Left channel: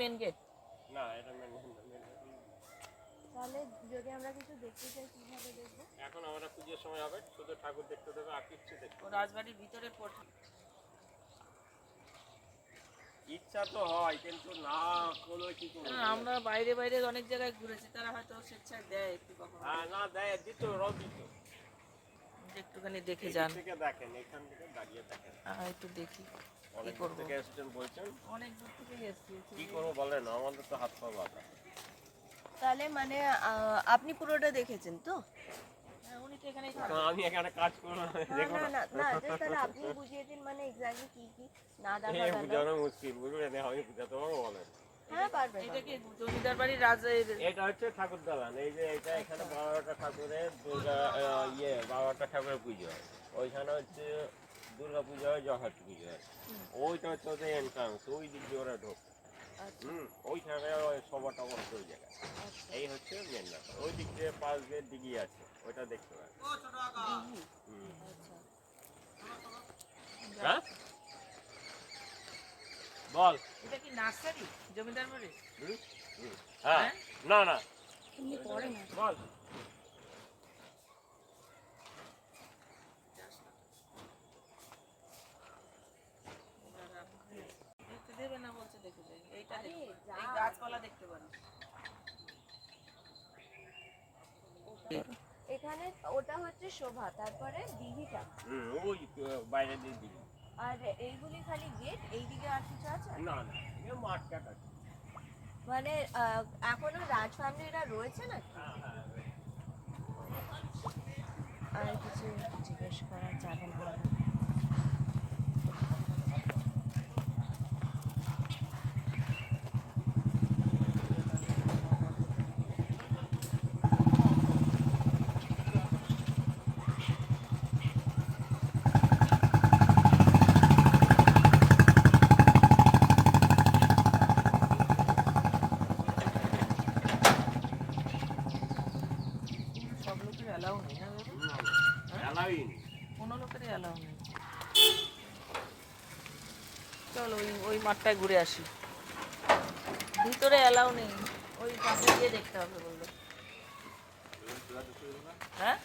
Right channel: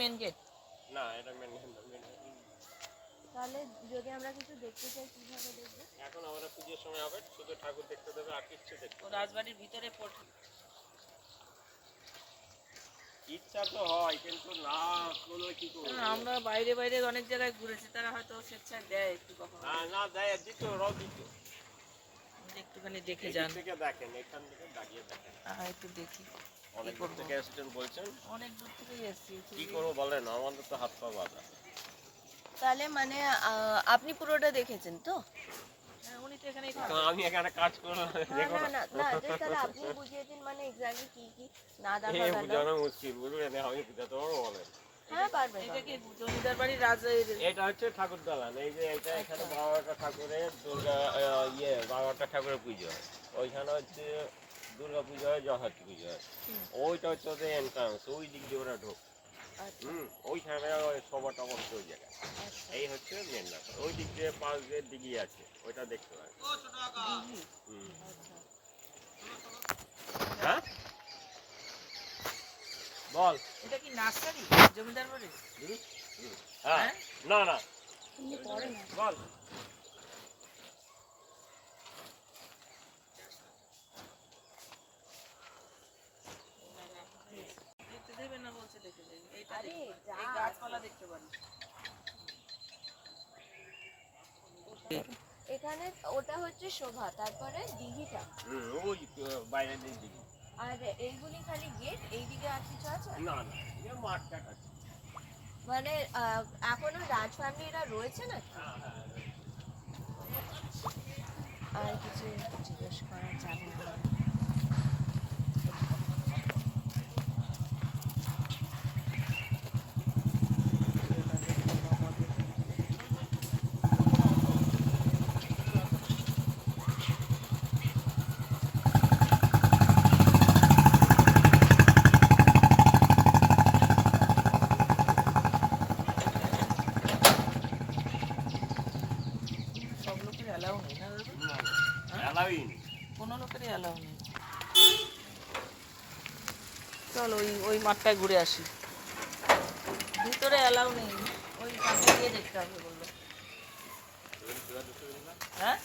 Main gate না এটা main main তাহলে যদি আমরা কিছু দেখতে চাই কীভাবে দেখব? এখন আমাদের পুজোর সময় হবে শুধু ঠাকুর দেখতে দেবে আর কিচ্ছু দেখতে রাজবাড়ির ভিতরে পড়ে ইচ্ছা তো হয় কিন্তু না কোনো কি করব? না, আমরা বাইরে বাইরে অনেক জায়গায় ঘুরেছি তারা হয়তো স্বেচ্ছায় দেয় একটু কখনো। হ্যাঁ না দেয় দিত ওরাও দিত। একটুখানি দেখে যান। থেকে দেখেন এখান থেকে দাঁড়িয়ে দেখেন। হ্যাঁ, একটু দেখি। অনেক দূর থেকে এসেছেন বলছেন। অনেক দূর থেকেই এসছি কি করব বলেন? আমাদের তো হাত পা বাঁধা। তাহলে মানে আপনি পুরোটা দেখেছেন তো? হ্যাঁ, উনি তো এখানে তো আমি এখানে কাজ করলাম না না না। না না just তাহলে আপনি বুঝিয়ে দিন মানে এক্স্যাক্টলি কি কি? না দেখা গেল বুঝানো মুশকিল বুঝলেন? আমি বুঝাতে পারব বলেন। হ্যাঁ পারবেন এটা কি জমিদার বাড়ির রাজের? এটা হচ্ছে ঠাকুর দালান এই যে এটা এখানে বারোটা ঠাকুরের দুর্গা ইয়ে বারোটা ঠাকুরের পুজো হয়। ওইখানে হচ্ছে দুর্গা পুজো হয় জগদ্ধাত্রী পুজো হয়। ওইটা হচ্ছে ওদের এন্ট্রান্স ওই দিক দিয়ে ওরা ঢোক। হুম ওইখানে ওই সবার টবর ওই জায়গা। এই হচ্ছে মেন ব্যাপার। ওই দিক দিয়ে পাশ দিয়ে দিঘি আছে ওইটা দেখতে পাবেন হুম। হ্যাঁ? বল। এটা কি নার্সারি? জমিদার বাড়ির হুম? হুম। হ্যাঁ। না না। বল দেখতে দেবে না বলছে দেখে যাই এইটা দেখতে- এই গাছপালা দেখতে পারি এখানে ওটা হচ্ছে শোভা তারপরে দিঘিটা। ওই বাইরে দিঘি আর এইগুলি খালি গেট এইদিকে আর কিছু আছে? না না এ মাঠ কাট আছে মানে এখনও রাজ ফ্যামিলিরা রয়েছে না হ্যাঁ হ্যাঁ আর কিছু জিজ্ঞেস করা যাবে না সব লোকের অ্যালাউ নেই না দাদা অ্যালাউই নেই কোনো লোকেরই অ্যালাউ নেই চল ওই ঘুরে আসি। ভিতরে অ্যালাউ নেই। ওই সামনে গিয়ে দেখতে হবে বলল। হ্যাঁ?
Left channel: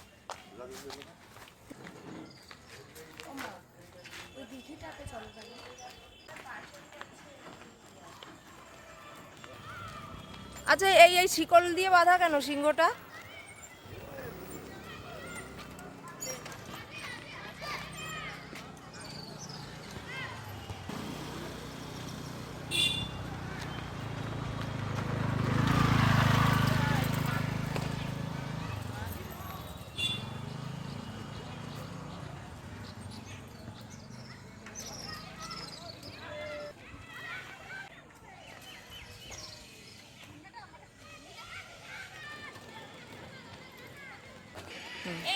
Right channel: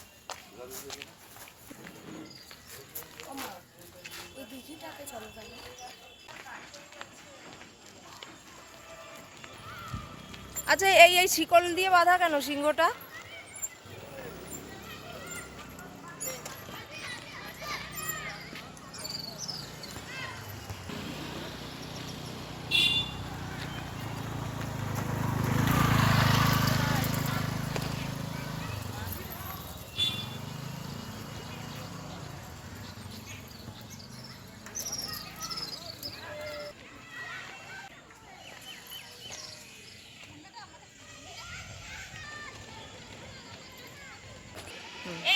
আচ্ছা এই এই শিকল দিয়ে বাঁধা কেন? সিংহটা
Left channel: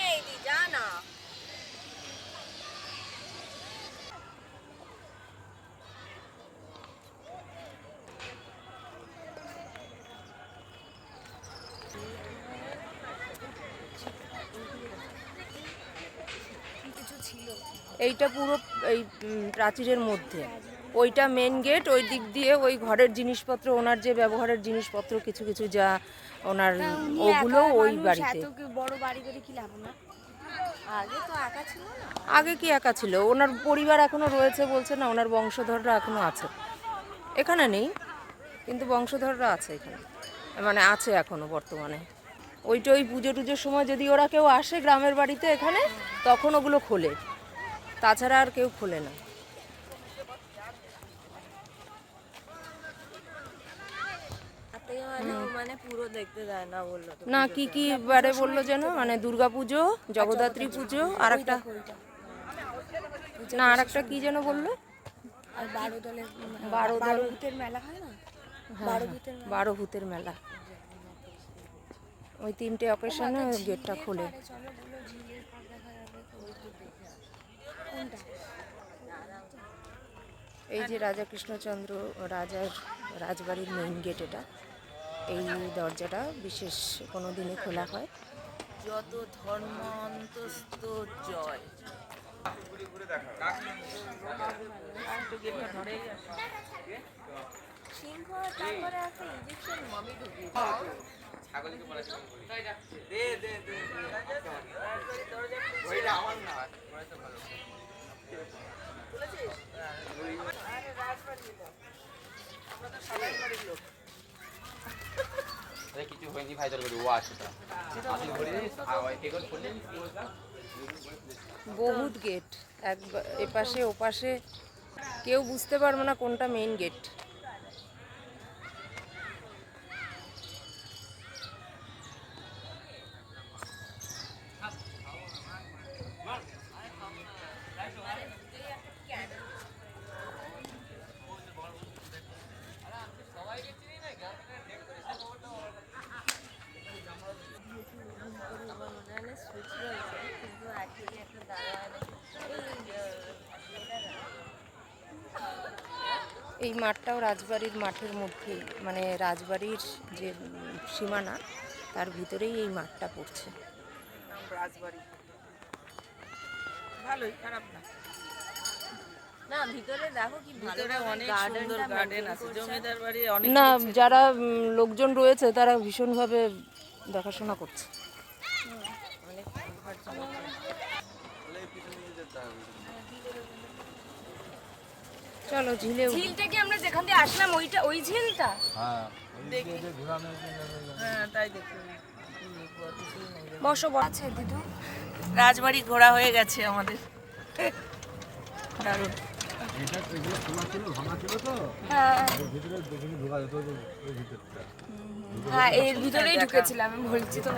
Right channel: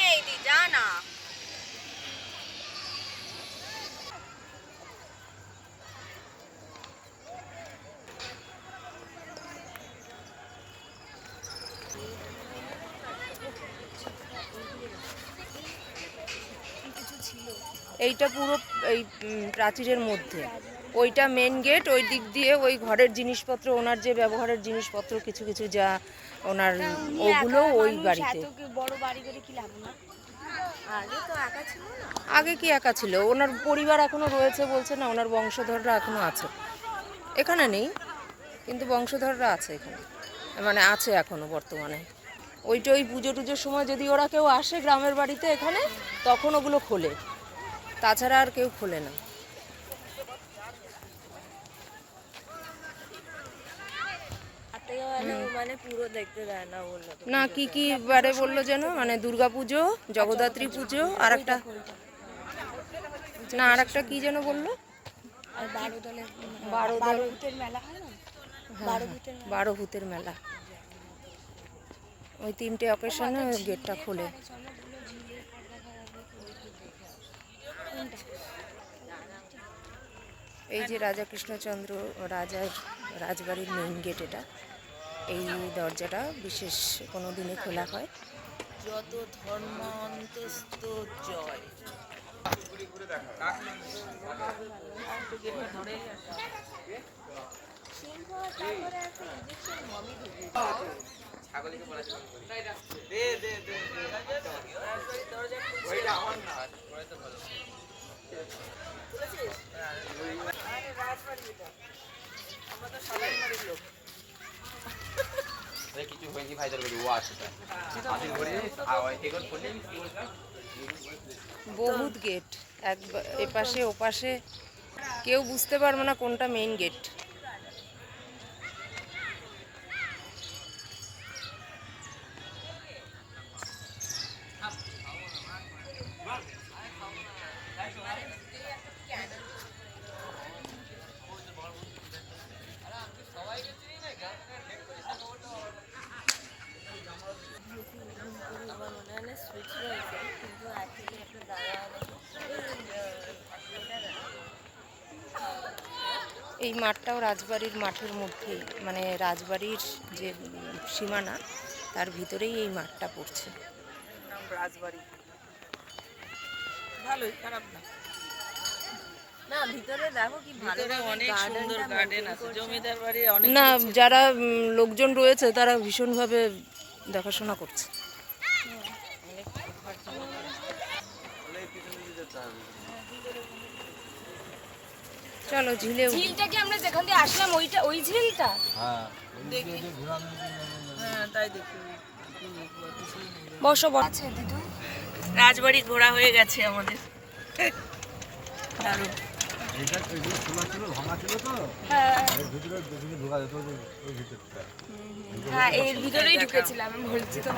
এই দি যা না এইটা পুরো এই প্রাচীরের মধ্যে। ওইটা মেন গেট ওই দিক দিয়ে ওই ঘরের জিনিসপত্র ওনার যে ব্যবহারের জিনিসপত্র কিছু কিছু যা ওনার ওগুলো ওই বাড়িতে। আগে কি একা ছিল? ওনার পরিবার এখনও রয়েছে বলছে না ওনার বংশধররা এখনও আছে। এখানে নেই কিন্তু বংশধররা আছে এখানে। মানে আছে এখনও বর্তমানে। ওইটা ওই পুজো টুজোর সময় যদি ওরা কেউ আসে গ্রামের বাড়িতে এখানে তখন ওগুলো খোলে। তাছাড়া আর কেউ খোলে না। মানে দেয় না কি কি বারে বলল যেন? মানে দুর্গা পুজো জগদ্ধাত্রী পুজো আর একটা না আর একটা কি যেন বলল? বারো দল ভূতের মেলা না? হ্যাঁ, হ্যাঁ, বারো ভূতের মেলা। ওই তিনটে অকেশনে গেটটা খোলে। এই যে রাজা কৃষ্ণচন্দ্র রাজার রাজবাড়ির মেইন গেট এটা এই দরজাটা বিশেষ কোনো দিনে খোলা হয়। যত ধর্ম অন্তস্ত জয় দরজা কিছু হয়নি ভাই তোর ও বহুত গেট এক এপাশে, ওপাশে। কেউ বুঝতে পারবে না কোনটা মেইন গেট আমার মনে হয় সুইচ রয়েছে কিন্তু অ্যাকচুয়ালি একটা দাওয়া এই মাঠটাও রাজবাড়ির মাঠের মধ্যেই মানে রাজবাড়ির যে সীমানা তার ভিতরেই এই মাঠটা পড়ছে। রাজবাড়ি। ভালোই খারাপ না। না ভিতরে দেখো কি ভালো ভিতরে অনেক সুন্দর গার্ডেন আছে জমিদার বাড়ি অনেক না যারা লোকজন রয়েছে তারা ভীষণভাবে দেখাশোনা করছে। চলো ঝিলে ঝিলটা কি আমরা যেখান দিয়ে আসলাম ওইটা ওই ঝিলটা? হ্যাঁ তাই দেখি নেই। রে। বসো। আছে দিদু। রাজবাড়ি ঘোরা হয়ে গেছে আমাদের। দারুণ। হ্যাঁ। হ্যাঁ এর ভিতরেই ঢুকেছিলাম বলছি তো।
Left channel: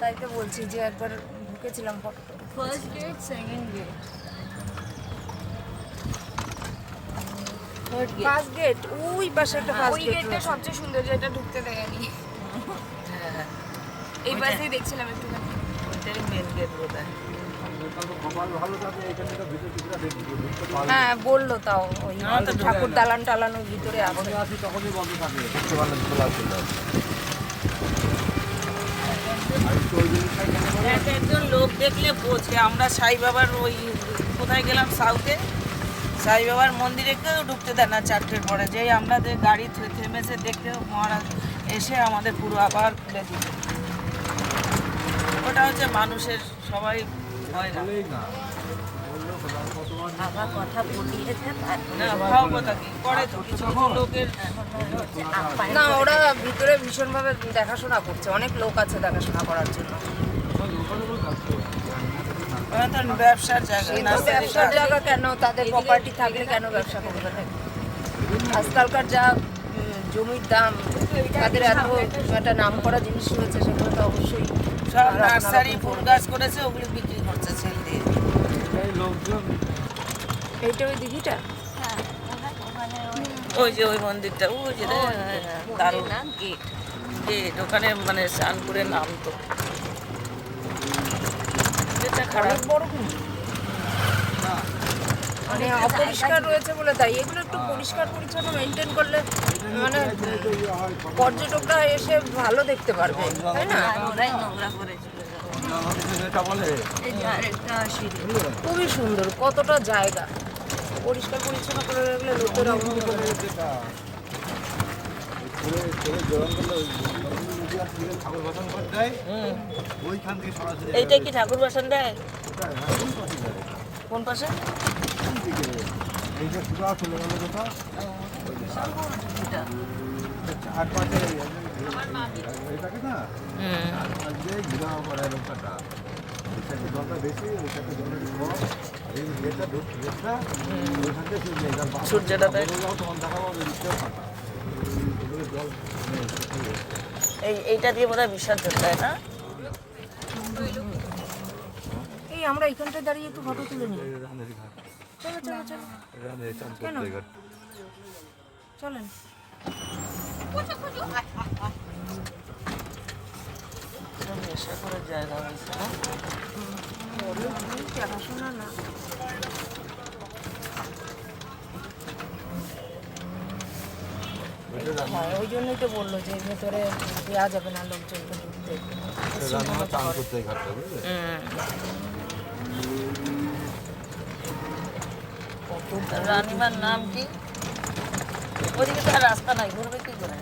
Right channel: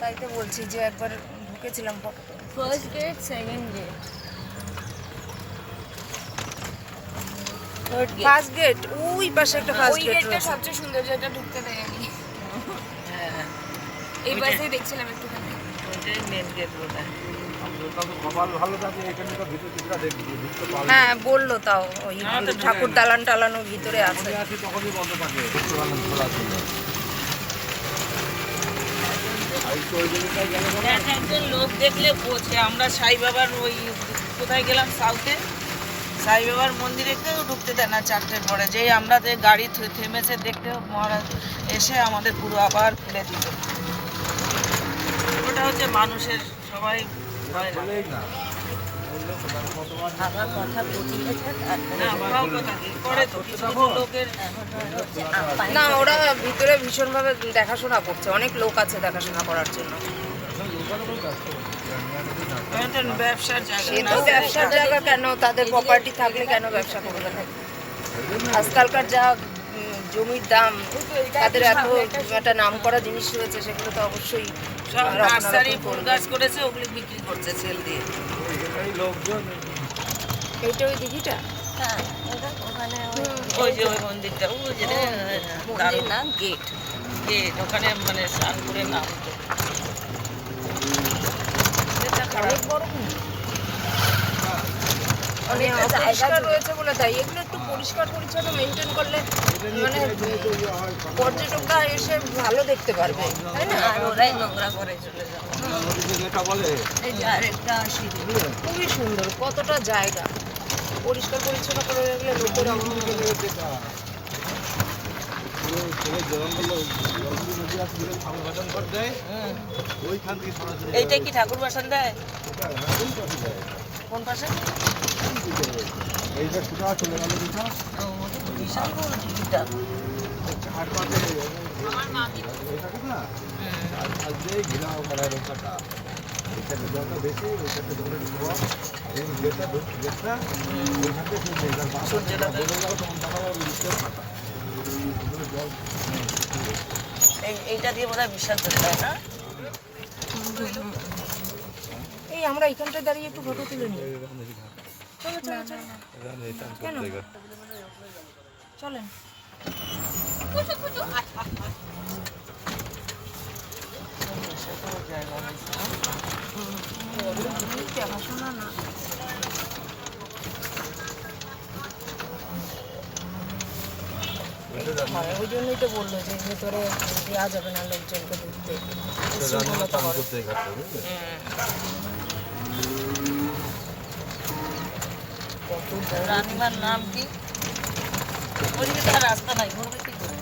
তাই তো বলছি যে একবার ঢুকেছিলাম photo first gate second gate first gate ওই পাশে একটা ফার্স্ট ওই গেট গেটটা রয়েছে। সবচেয়ে সুন্দর যেটা ঢুকতে দেয়নি এই পাশেই দেখছিলাম একটুখানি। এটাই মেন গেট বোধ হ্যাঁ বলল তাও ওই ঠাকুর দালান টালানোর ভিতরে আছে। এক একজন লোক দেখলে বোঝে। আমরা সাই বাবার ওই কোথায় গেলাম সাউথে সাই বাবার মন্দিরে কেউ ঢুকতে দেয় না চারটের পরে যে আমরা যে গাড়ি থেমেছে দেখতে মহারাজ এসে আমাদের পুরো আবার ফেলে দিল। ওটা হচ্ছে মানুষের সবাই না ওরা ভিতরে ভীষণভাবে দেখাশোনা করছে। অনেক লোক আছে দেখাশোনা করার জন্য ওটা তো ব্যবসার জায়গা সে তো ব্যবসার জায়গা কেন? তাদের প্রপার্টি থাকলে কেন ব্যবসা করবে না? আজকালকার যা জমির দাম তাদের এত একটা নাম করা জিনিস রয়েছে সেগুলো তো অবশ্যই করেছে ওগুলি বিক্রি করছে সেল দিয়ে। এইটা ওই দিঘিটা? হ্যাঁ ওই যে ওই মন্দিরটা ওই যে দারুণ। গেট গেট ওখানে মানে নাম তো। অনেক বড় মানে অপরিষ্কার রয়েছে বলে তাই। এগুলো একটু পরিষ্কার পরিচ্ছন্ন মেনটেন করলে মানে পর্যটকরা এসে ভালো দেখতে পারবে তাই না? ওরাই নোংরা করে চলে যাবে এই যে আরেকটা সিঁড়ি খুবই সুন্দর কতটা জায়গা। পরিষ্কার পরিচ্ছন্ন করে রাখলে লোকের অভাব হবে না। হুম। এইটা কি ঠাকুর বাসন দেয় কোন পাশে এইটা সুদা চলে গেল যেটা বিশাল বড় টিভিটা এটাকে না যেটা যেটা ওইখান দেয়। তখন তারা এই এইটা দিয়ে বোধহয় বিসর্জন দেয় না এই আমরা এখানটায় দাঁড়িয়ে একটু ফটো তুলে নিই চলো চলো চলো কেন চলেন জায়গা দেখাশোনা না হয় ওই জন্যই তো বলল যে ভেতরে দেওয়া যাবে না লোকজনকে ঢুকতে। উশৃঙ্খলতা রানীমার নাম কি? রাস্তা নাই ঘুরবে করে?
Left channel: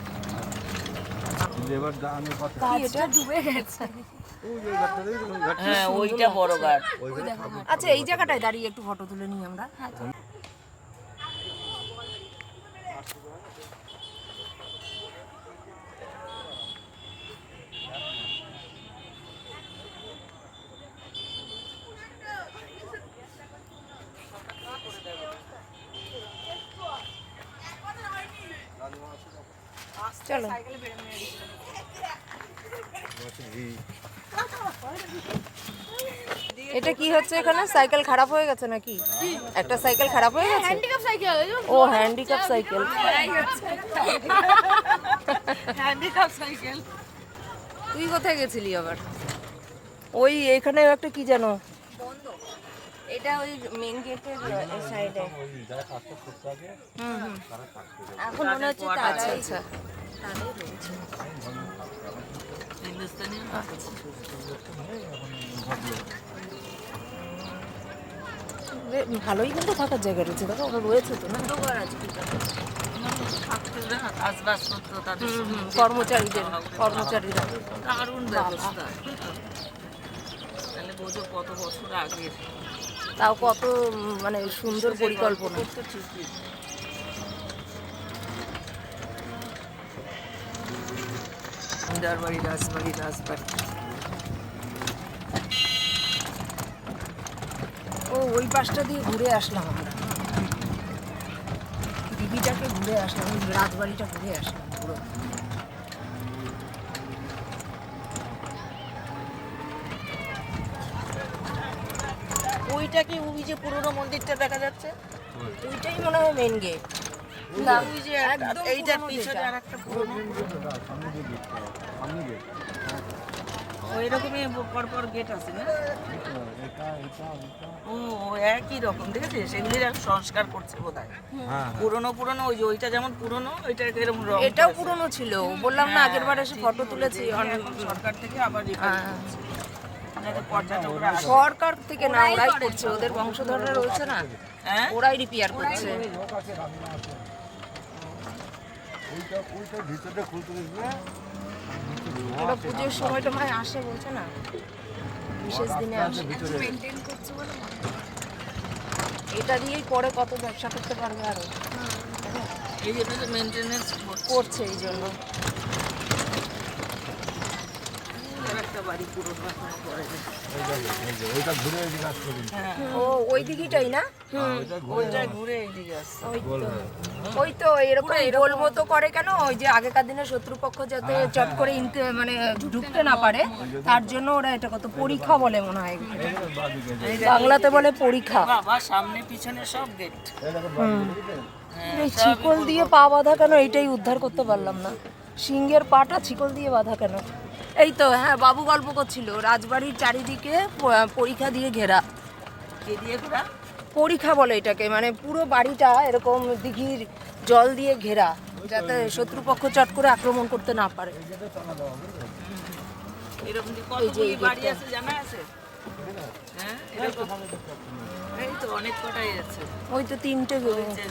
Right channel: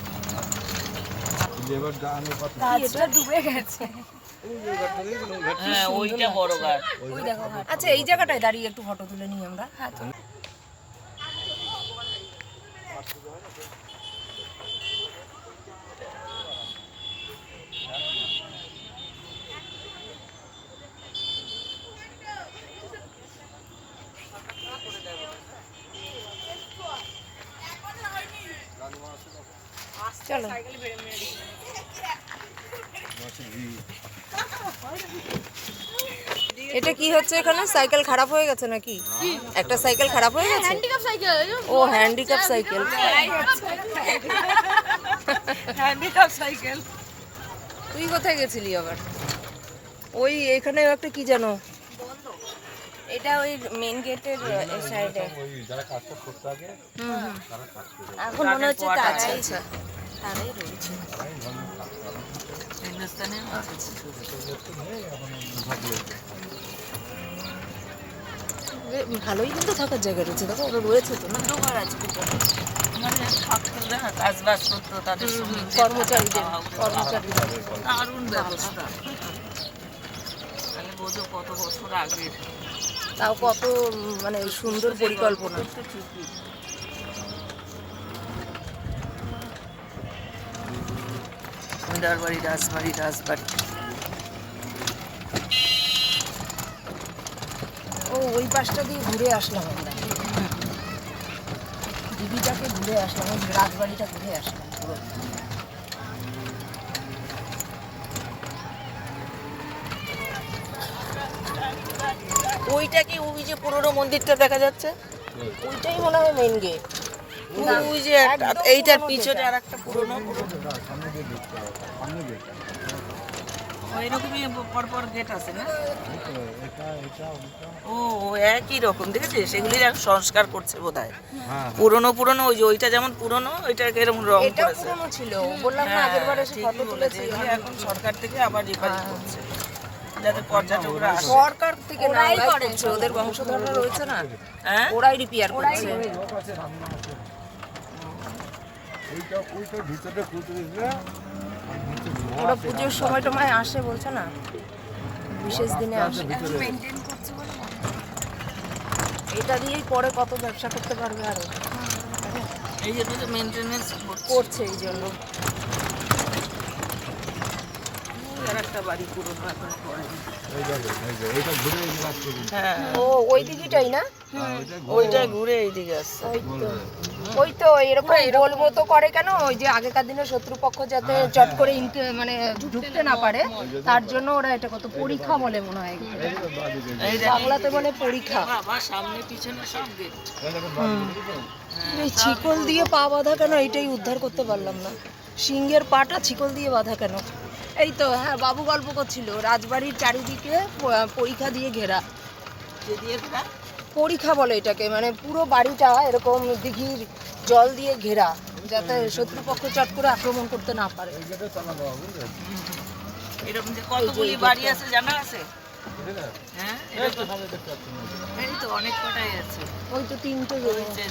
হ্যাঁ ওইটা বড় গাছ আচ্ছা এই জায়গাটায় দাঁড়িয়ে একটু ফটো তুলে নিই আমরা। চলো। এটা কি হচ্ছে এখানে? সাইকেল খারাপ হয়ে গেছে নাকি? একটা সাইকেল খারাপ হয়ে গেছে? ও হ্যান্ডিক্যাপ সাইকেল হ্যান্ডিক্যাপ সাইকেল তুই কোথায় গেছিলি আবার? ওই এখানে একটা কি জানো এটা ওই মেন গেটের সাইডে এখন মনে হচ্ছে আচ্ছা আচ্ছা। তারাই রয়েছে। ভালোই কিন্তু থাকার জায়গা রয়েছে দেখো ওরা রয়েছে তো না? মানে কর্মচারীদের কর্মচারীরা। দারুণ ব্যবস্থা। তাহলে বোঝো কত বছর আগে তাও কত মানে সুন্দর পরিকল্পনা। তো রাজবাড়ি রাজবাড়ি ও ওই পাশটা দিয়ে ঘুরে আসলাম আমরা। দিঘিটাকে ঘুরে আসলাম ওই রাজবাড়িটা ঘুরে আসলাম। ওইটা কি ওই যে পুরোনো মন্দিরটা দেখা যাচ্ছে ওইটাই মনে হয় মেন গেট ওই যে এইটার পিছনে যেটা। আর একটা পুরোনো এরকমই পরপর গেট আছে না? এটা এটা এটা ও ও একই রকম সেগুলির এক সংস্কার করছে বোধ হয়। হ্যাঁ পুরোনো পুরোনো ওই যে ওইটা যেমন পুরোনো ওইটাকে এরকম রং এটাও পুরনো ছিল। বললাম না আগের বার এসে ফটো বলেছে। তুলেছি এখন সরকার থেকে আবার রিফার হ্যাঁ। করছে। যাতে পর্যটকরা সরকার থেকে না ওরাই করছে ওদের বংশধররা রয়েছে না হ্যাঁ? ওরাই রিপেয়ার করছে। ওরা পুজোর সময় টময় আসে বলছে না বিশেষ দিনে আসে। এটা দিয়েই পরে কত ব্যবসা করতে পারবে আরও। এই জন্য তো মেনটেনেন্স করছে এই জন্য একটা বাড়ি পুরোনো এখনও করেনি ওই জায়গায় ওই যে ওইটা ঘুরে ওই দিকে আসতে দিন হ্যাঁ ও ওই দিকটাই না? ওইটা ওইটা ঘুরে এইদিকে আসছে। ওই তো। ওই তো এরকম গোল মতো করে কেন? ওই যে আগেকার দিনে শত্রুপক্ষ যাতে চট করে মানে ঢুকতে না পারে তার জন্য ওরা এটা কত পরীক্ষা বলে মনে হয়। বাংলাতে বলে পরীক্ষা। সামনে পিছনে সব গেট এই ছিকল দিয়ে পা বাঁধা কেন? এটাই উদ্ধার করতে পারলাম না। সিংহের পাটা ছিকল দিয়ে বাঁধা কেন? এই তো হ্যাঁ বাবু গল্প করছিল রাজবাড়ির চারিদিকে পরীক্ষা দিয়ে ঘেরা। দিয়ে ঘোরা? পরীক্ষা বলে এটাকে মানে পুরো বাড়িটা এরকম দিঘির জল দিয়ে ঘেরা যাতে শত্রুপক্ষ চট করে আক্রমণ করতে না পারে। এরকম যে কতগুলি বাড়ি আছে জানা আছে? হ্যাঁ? এরকম এই তো অনেক কটাই আছে। ওই তো তিনটে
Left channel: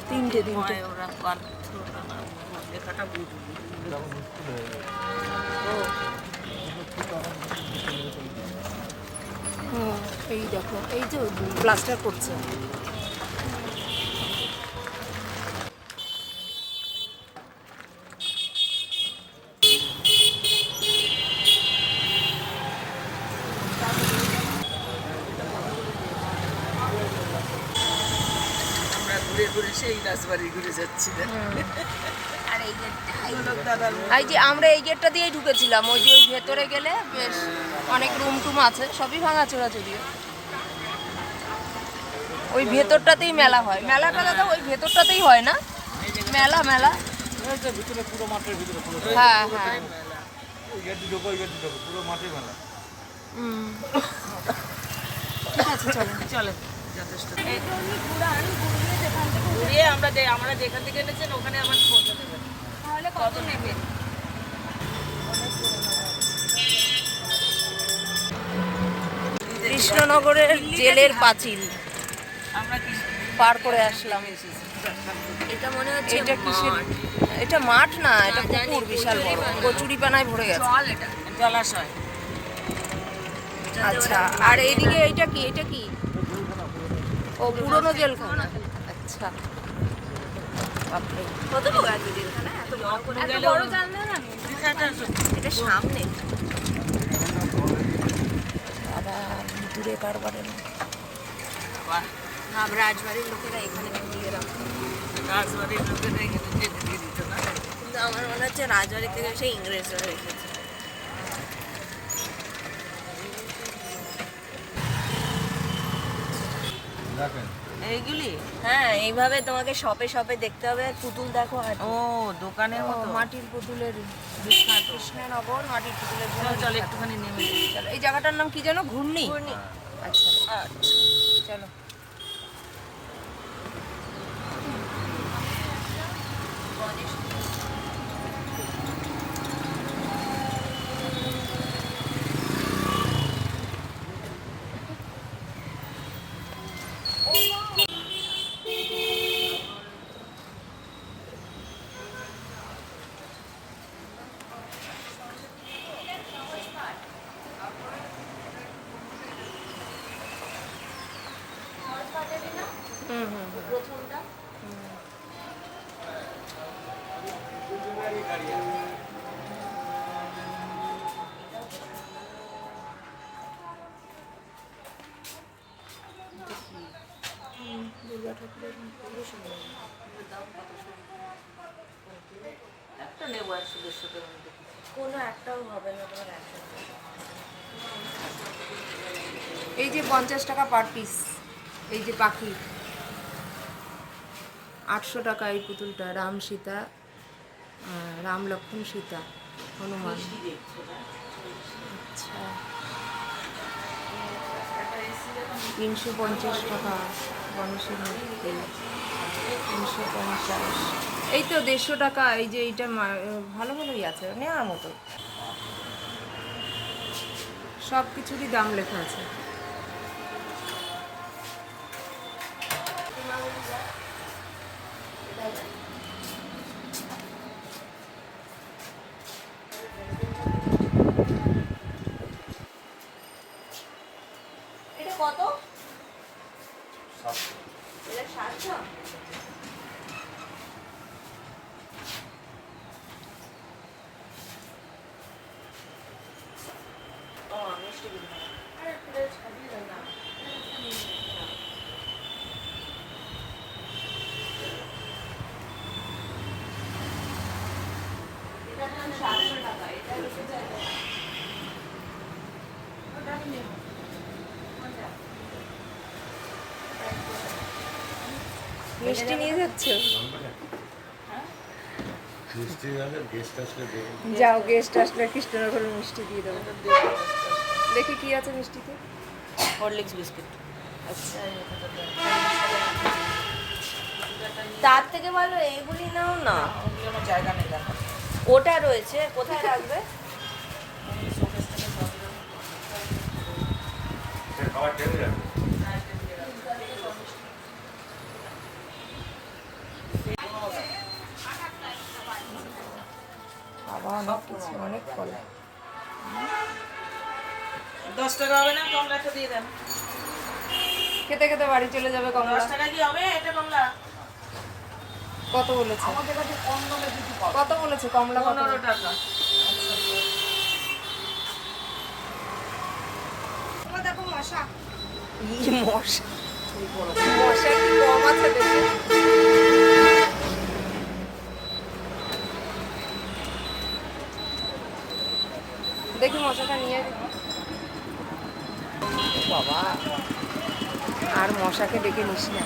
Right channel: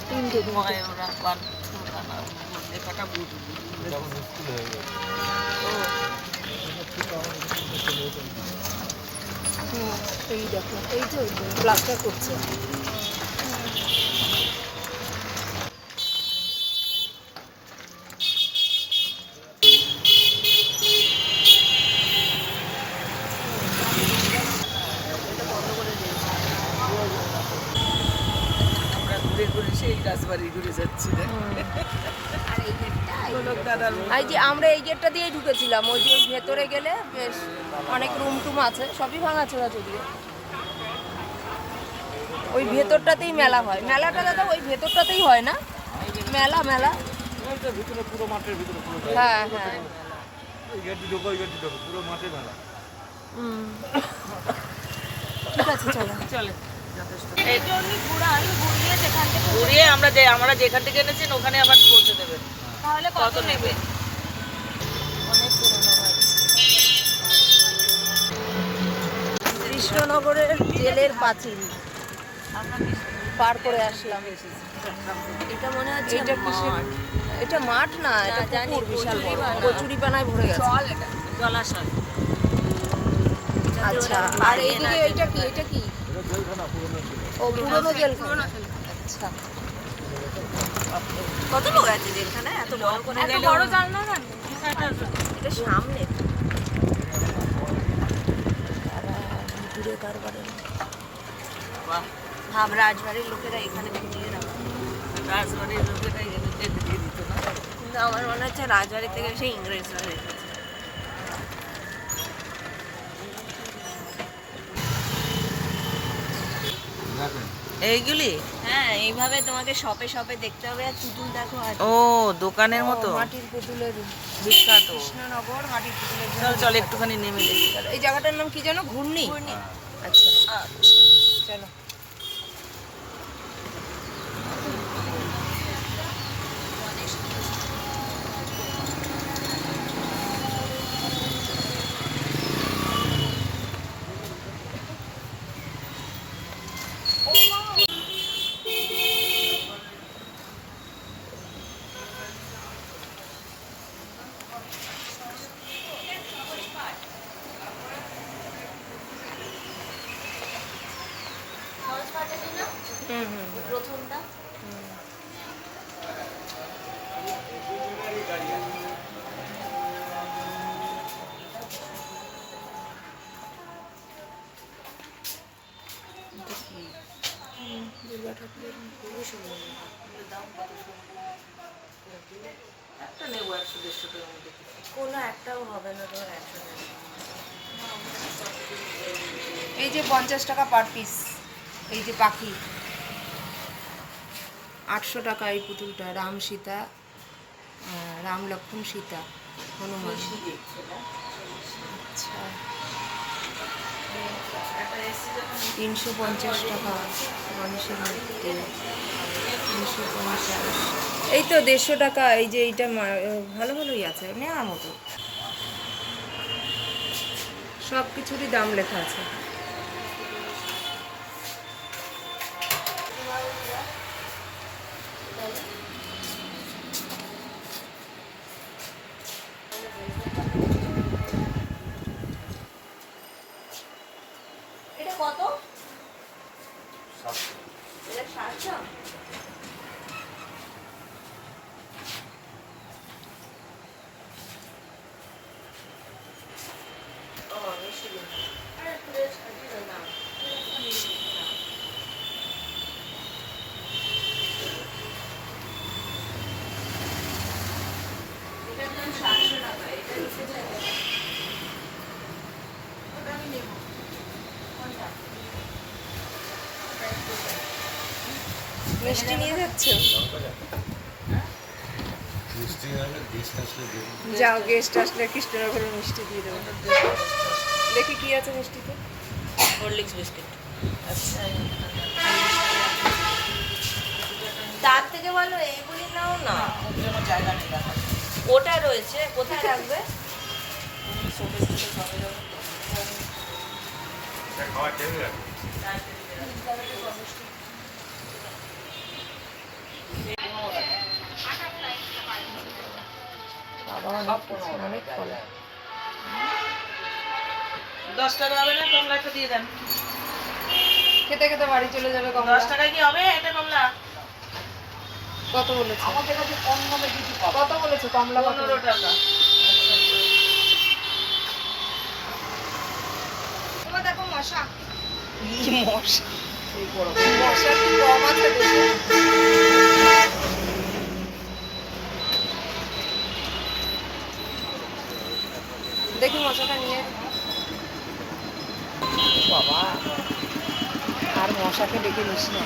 তিনটে তিনটে। ওরা বাধ্যতালা লেখাটা বুঝবি হুম, এই দেখো এই যে প্লাস্টার করছে। সেই ঘুরে যাচ্ছি না এই যে আমরা এই গেটটা দিয়েই ঢুকেছিলাম ওই যে ওই ভেতরে গেলে বেশ অনেক রুম টুম আছে সবই ভাঙাচোরা যদিও। ওই ভেতরটাতেই মেলা হয়। মেলাটা দাদা ওই ভেতরটাতেই হয় না? মেলা মেলা। হ্যাঁ হ্যাঁ। ঠিক আছে চলো। চলে। যথেষ্ট। ঘুরিয়ে যেখান থেকে ঘুরিয়ে আমরা যে আমরা যেখান থেকে এনেছেন ওখানে আবার পৌঁছে দেবেন। তাহলে কত নেবে অনেক পুরোনো কৃষ্ণনগরের জেলের পাঁচিল। পার করে আসলাম। এটা মনে হচ্ছে এটা কিসের এটা মাঠ না এটা পুকুর বিশাল বড়। কচুরি কচুরি পানায় ভরে গেছে। জলাশয়। আচ্ছা আর এইদিকে এইটা কি? এটা কি? ও পুরনো জেলখানা? আচ্ছা। বাপরে। কত বড় আছে জেলখানা? এত বড়? করে এত বড় জানলা না? এটা সামনে। না। ভাব রাজবাড়ির লোকেরা এখানে দিয়ে রাখো রাজবাড়ির লোকেরা এখানে যেতে দিয়ে দিত না? কিন্তু আমার মনে হচ্ছে রাজবাড়ি থেকে সেই ইংরেজরা রেখেছে এইগুলি? হ্যাঁ এইভাবে তোমাকে শপে শপে দেখতে হবে। আর পুতুল দেখো ও দোকানের মতো? মাটির পুতুলের বিখ্যাত। কৃষ্ণনগর মাটির পুতুলের জন্য চল একটুখানি নেমে চলো, এই জায়গাটার নাম কি জানো ঘূর্ণি। আচ্ছা আচ্ছা। চলো। একটা নেব একশো দেড়শো টাকার মধ্যে কোনো একটাও হবে না তোমার একসাথে এই যে পঞ্চাশ টাকা পার পিস এই যে পাখি। আটশো টাকা এই পুতুলটা রাম সীতা রাম লক্ষ্মণ সীতা হনুমান। তিনশো পঞ্চাশ টাকা গণেশের মূর্তি তিনশো পঞ্চাশ। এই তো দেড়শো টাকা, এই যে এইটা ভালো ভালোই আছে, নেওয়ার মতো। সব কিছুরই দাম লেখা আছে। মিষ্টি নিয়ে যাচ্ছ? যাও গেস্ট আসলে কৃষ্ণনগরের মিষ্টি দিয়ে দেবো। দেখি কি আছে মিষ্টিতে। হরলিক্স বিস্কিট আচ্ছা। তার থেকে ভালো এইগুলি নাও না। ওটা রয়েছে কোথায় রাখবে? খাবার টেবিল অনেক কিছু অনেক ফল দশ টাকা হবে না কমলা একটা দিয়ে দেন। খেতে খেতে বাড়ি চলে যাবে কমলা। দশ টাকা কি হবে এটা কমলা? কত বলেছে? কত বলেছে কমলা কত? টাকা। দেখো মশা। মশা। মশা কি কম আছে দেশে দেখি মশাটা নিয়ে বাবা আর মশাকে ডেকে নিস না।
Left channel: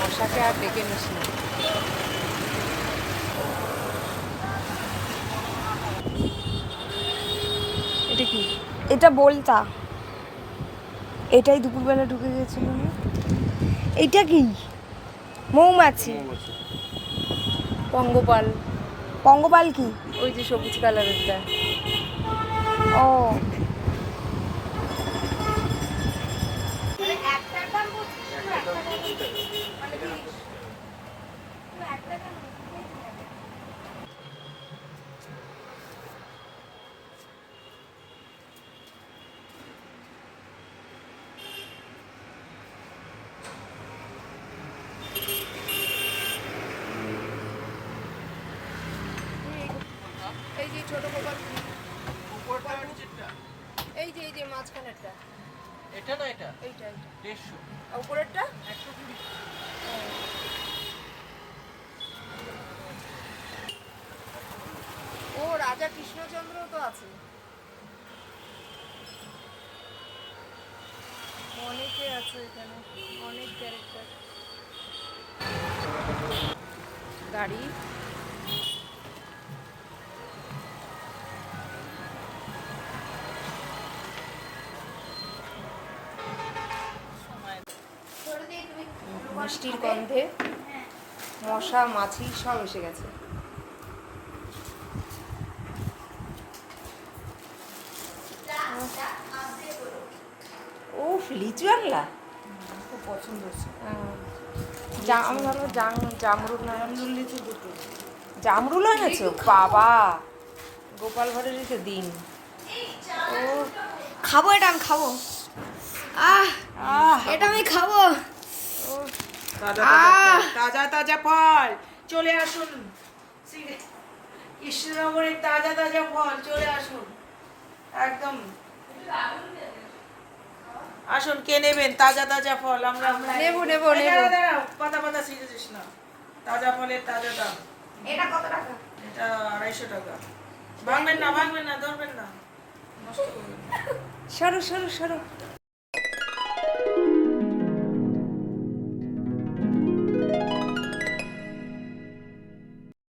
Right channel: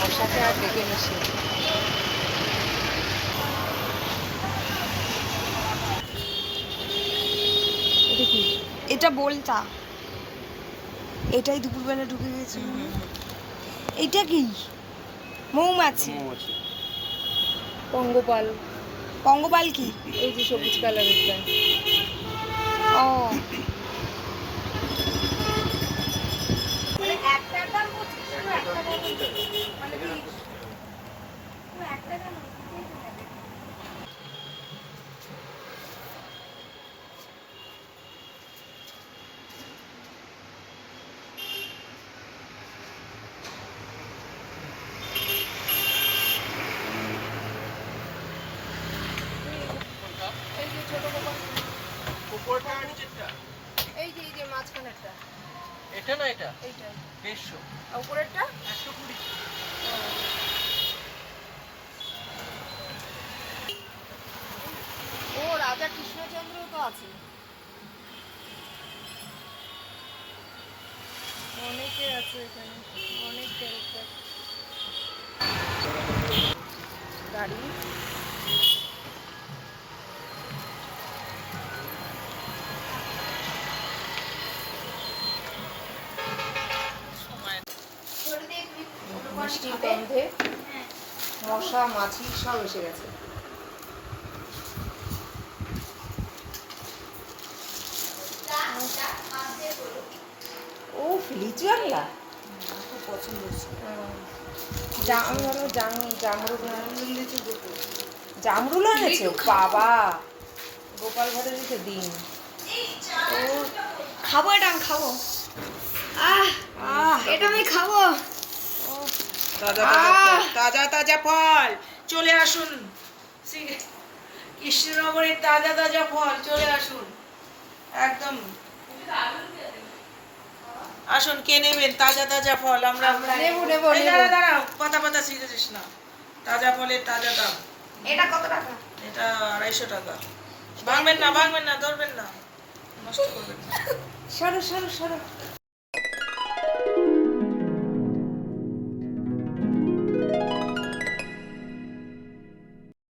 মশাকে আর ডেকে নিস না। এটা কি? এটা বলতা। এটাই দুপুরবেলা ঢুকে গেছিল? এটা কি? মৌমাছি। পঙ্গপাল। পঙ্গপাল কি? ওই যে সবুজ কালারেরটা। ও এই যে ছোট গোপাল এই যে এই যে মাঝখানেরটা এটা দেড়শো। উপরেরটা? একশো কুড়ি। ও। রাজা কৃষ্ণচন্দ্র তো আছে। অনেকে আছে এখানে অনেক ক্যারেক্টার গাড়ি। মিষ্টির গন্ধে মশা মাছি সব এসে গেছে। ও লিচু আনলা? হ্যাঁ। আমি ভাবলাম জাম জামরুল জামরুল এনেছো? বাবা গোপাল ভাড়েরই তো দিন ও খাব এটা আমি খাব। আহ আহ। এটা আমি খাব। তাজা তাজা ফল তাজা তাজা ফল। চলে আসুন। কৃষ্ণনগরের তাজা তাজা ফল চলে আসুন। একদম। আসুন কে নেবেন? তাজা তাজা ফল আমরা নেব, নেব, দাঁড়াও, পাতা পাতা ছিঁড়েছিস না। তাজা ফলের তাজা দাম। এটা কত টাকা? এটা আড়াইশো টাকা। ভাঙবেন না ভাঙবেন না ধরবেন না। নষ্ট করবেন না। সরো সরো সরো।